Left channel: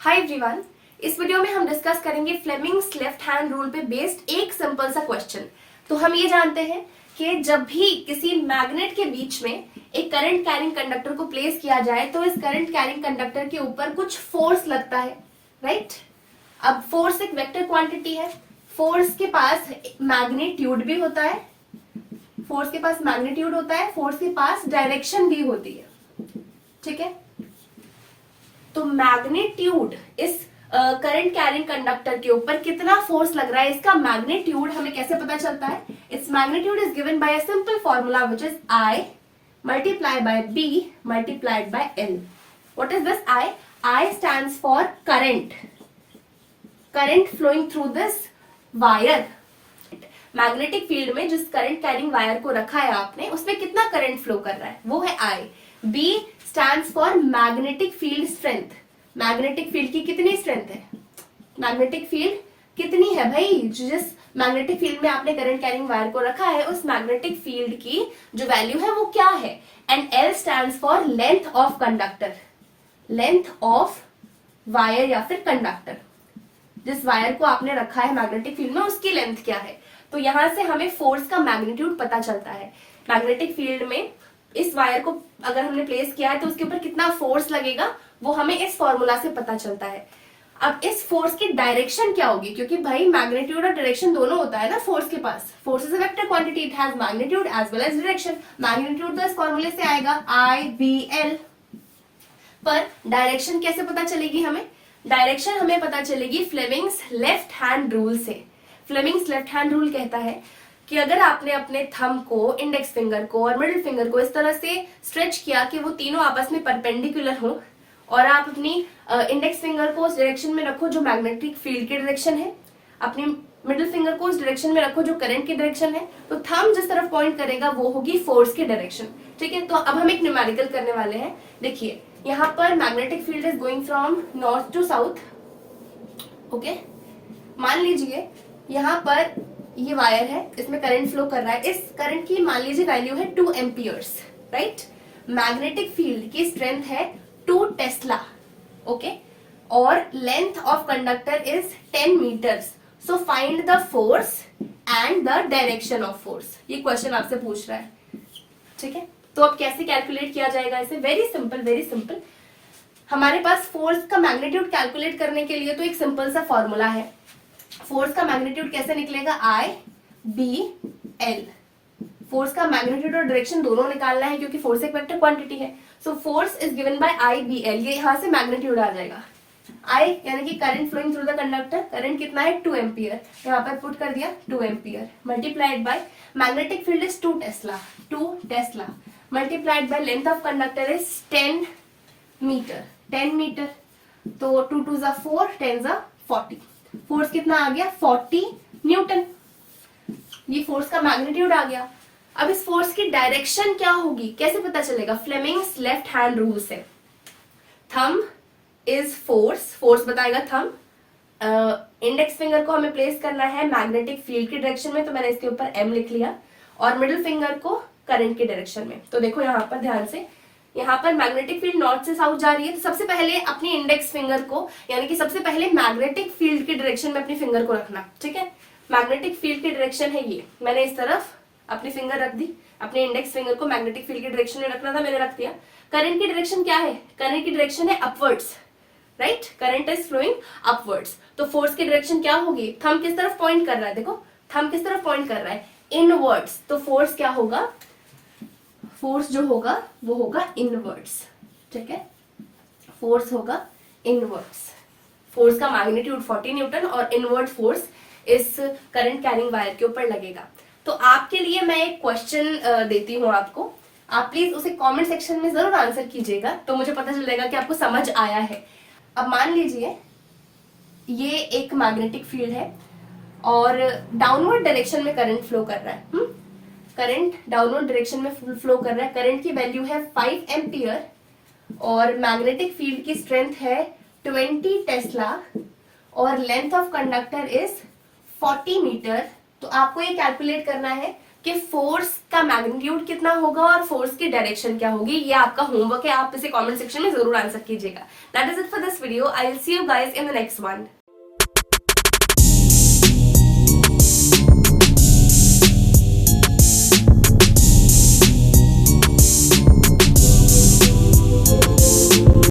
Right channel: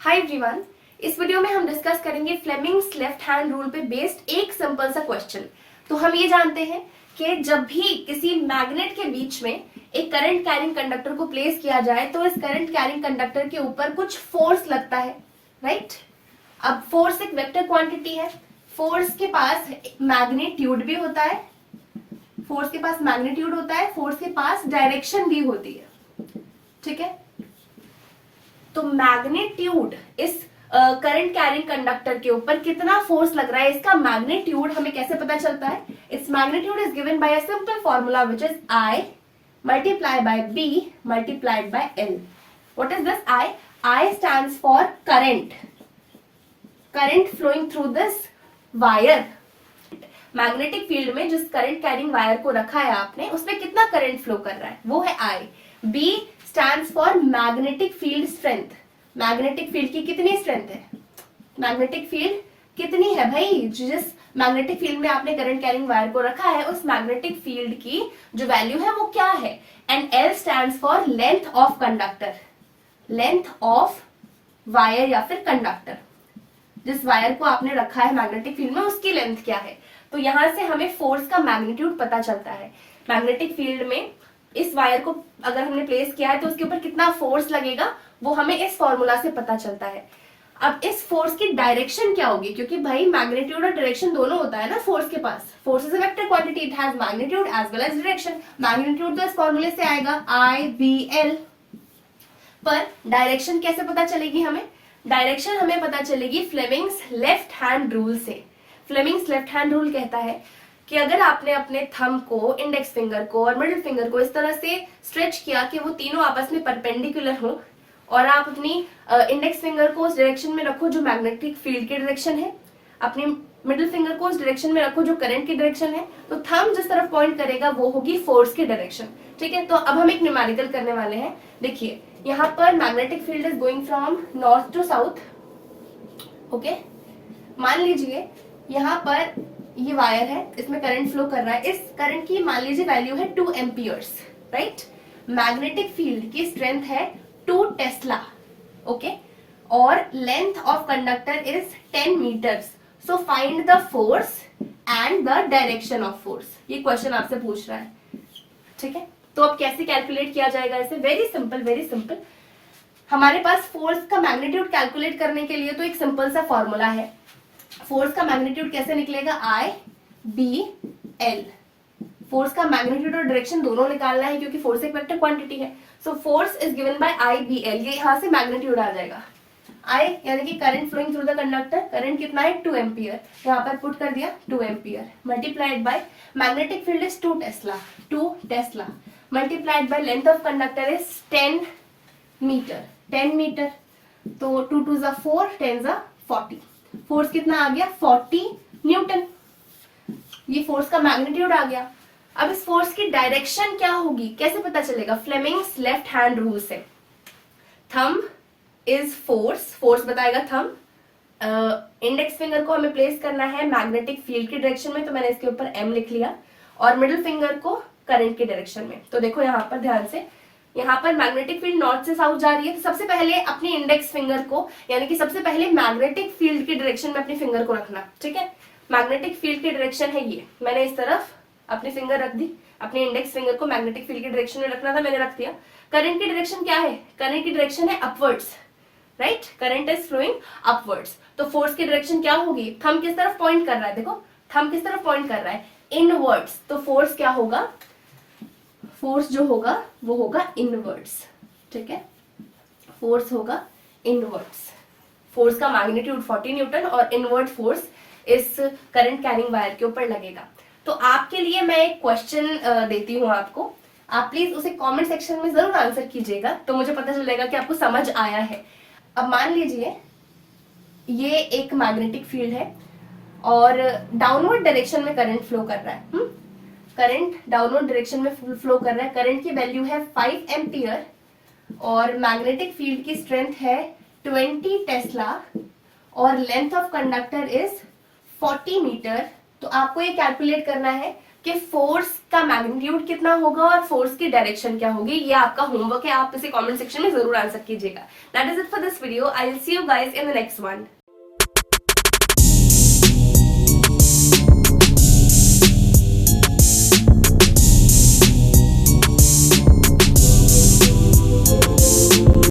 Hi everyone, इस video में हम डिस्कस करेंगे फ्लेमिंग्स लेफ्ट हैंड रूल पे बेस्ड एक सिंपल सा क्वेश्चन। तो हम ये जानते हैं कि जब भी किसी मैग्नेट के बीच में एक करंट कैरिंग कंडक्टर को प्लेस किया जाए तो इस करंट कैरिंग कंडक्टर के ऊपर कुछ फोर्स लगता है, राइट? अब फोर्स एक वेक्टर क्वांटिटी है। फोर्स के पास मैग्नीट्यूड भी होता है, फोर्स के पास मैग्नीट्यूड होता है, फोर्स के पास डायरेक्शन भी होती है, ठीक है? तो मैग्नीट्यूड इस करंट कैरिंग कंडक्टर के ऊपर कितना फोर्स लग रहा है, इसका मैग्नीट्यूड हमें कैसे पता चलता है? Its magnitude is given by a simple formula which is I multiplied by B multiplied by L. What is this I? I stands for current flowing through this wire. Magnetic field में जिस current carrying wire को रखा है आपने, उसमें कितना current flow कर रहा है, वो है I. B stands for magnetic field strength. Magnetic field की कितनी स्ट्रेंथ है? मैग्नेटिक फील्ड कितनी है भाई? जिस मैग्नेटिक फील्ड में आपने करंट कैरिंग वायर को रखा है, उस मैग्नेटिक फील्ड की जो वैल्यू है वो क्या है? And L stands for length of conductor. Length of wire या फिर कंडक्टर, जिस वायर को आपने रखा है मैग्नेटिक फील्ड में, उसकी लेंथ क्या है? तो यहां से हमें फोर्स का मैग्नीट्यूड पता चलता है। मैग्नेटिक फील्ड में इस वायर को अगर हमने प्लेस किया है तो उसके ऊपर कितना फोर्स लगेगा, वो हमें इस फॉर्मूला से पता चलता है। अब इस फोर्स की डायरेक्शन क्या होगी, क्योंकि भाई मैग्नीट्यूड और डायरेक्शन दोनों होता है ना फोर्स के पास। Force is a vector quantity, it has magnitude as well as direction. Magnitude तो इस फॉर्मूले से आएगा I/B/L, पर डायरेक्शन कैसे पता चलेगी हमें? डायरेक्शन हमें पता चलेगी फ्लेमिंग्स लेफ्ट हैंड रूल से। फ्लेमिंग्स लेफ्ट हैंड रूल कहता है कि अगर आपने अपने थंब को, इंडेक्स फिंगर को और मिडिल फिंगर को इस तरह से स्ट्रेच किया कि वो तीनों आपस में परपेंडिकुलर हो, और आप अपनी इंडेक्स फिंगर को उस डायरेक्शन में रखो जो मैग्नेटिक फील्ड की डायरेक्शन है, अपनी मिडिल फिंगर को उस डायरेक्शन में रखो जो करंट की डायरेक्शन है, तो थंब जिस तरफ पॉइंट करेगा वो होगी फोर्स की डायरेक्शन, ठीक है? तो अब हम एक न्यूमेरिकल करने वाले हैं। देखिए, यहाँ पर magnetic field is going from north to south, okay? मान लीजिए यहाँ पर ये वायर है, इसमें करंट फ्लो कर रहा है। इस करंट की मान लीजिए वैल्यू है 2 एम्पियर्स, राइट? मैग्नेटिक फील्ड की स्ट्रेंथ है 2 टेस्ला, ओके? और length of conductor is 10 metres. So find the force and the direction of force. ये क्वेश्चन आपसे पूछ रहा है, ठीक है? तो अब कैसे कैलकुलेट किया जाएगा इसे? Very simple, very simple. हमारे पास फोर्स का मैग्नीट्यूड कैलकुलेट करने के लिए तो एक सिंपल सा फॉर्मूला है। फोर्स का मैग्नीट्यूड कैसे निकलेगा? I/B/L. फोर्स का मैग्नीट्यूड और डायरेक्शन दोनों निकालना है क्योंकि फोर्स एक वेक्टर क्वांटिटी है। So force is given by I/B/L. ये यहां से मैग्नीट्यूड आ जाएगा। I यानी कि current flowing through the conductor, current कितना है? 2 एम्पियर। यहाँ पर पुट कर दिया 2 ampere, multiplied by magnetic field is 2 tesla, multiplied by length of conductor is 10 metre. 10 metre, तो 2 2 ज़ा 4, 10 ज़ा 40। फोर्स कितना आ गया? 40 न्यूटन। ये फोर्स का मैग्नीट्यूड आ गया। अब इस फोर्स की डायरेक्शन क्या होगी, कैसे पता चलेगा? फ्लेमिंग्स लेफ्ट हैंड रूल से। थंब इज फोर्स बताएगा थंब। इंडेक्स फिंगर को हमें प्लेस करना है मैग्नेटिक फील्ड की डायरेक्शन में, तो मैंने इसके ऊपर M लिख लिया, और मिडिल फिंगर को करंट की डायरेक्शन में। तो देखो यहाँ पर ध्यान से, यहाँ पर मैग्नेटिक फील्ड नॉर्थ से साउथ जा रही है, तो सबसे पहले अपनी इंडेक्स फिंगर को, यानी कि सबसे पहले मैग्नेटिक फील्ड की डायरेक्शन में अपनी फिंगर को रखना, ठीक है? मैग्नेटिक फील्ड की डायरेक्शन है ये, मैंने इस तरफ अपनी फिंगर रख दी। अपने इंडेक्स फिंगर को मैग्नेटिक फील्ड की डायरेक्शन में रखना था, मैंने रख दिया। करंट की डायरेक्शन क्या है? करंट की डायरेक्शन है upwards, right? Current is flowing upwards. तो फोर्स की डायरेक्शन क्या होगी? थंब किस तरफ पॉइंट कर रहा है? देखो, थंब किस तरफ पॉइंट कर रहा है? इनवर्ड्स। तो फोर्स क्या होगा? फोर्स जो होगा वो होगा इनवर्ड्स, ठीक है? फोर्स होगा इनवर्ड्स। फोर्स का मैग्नीट्यूड 40 न्यूटन और इनवर्ड फोर्स इस करंट कैरिंग वायर के ऊपर लगेगा। तो आपके लिए मैं एक क्वेश्चन देती हूँ आपको, आप प्लीज उसे कमेंट सेक्शन में जरूर आंसर कीजिएगा, तो मुझे पता चलेगा कि आपको समझ आया है। अब मान लीजिए ये एक मैग्नेटिक फील्ड है और डाउनवर्ड डायरेक्शन में करंट फ्लो कर रहा है। करंट डाउनवर्ड डायरेक्शन में फ्लो कर रहा है। करंट की वैल्यू है 5 एम्पियर और मैग्नेटिक फील्ड की स्ट्रेंथ है 20 टेस्ला और length of conductor is 40 metre. तो आपको ये कैलकुलेट करना है कि फोर्स का मैग्नीट्यूड कितना होगा और फोर्स की डायरेक्शन क्या होगी। ये आपका होमवर्क है, आप इसे कमेंट सेक्शन में जरूर आंसर कीजिएगा। That is it for this video. I will see you guys in the next one.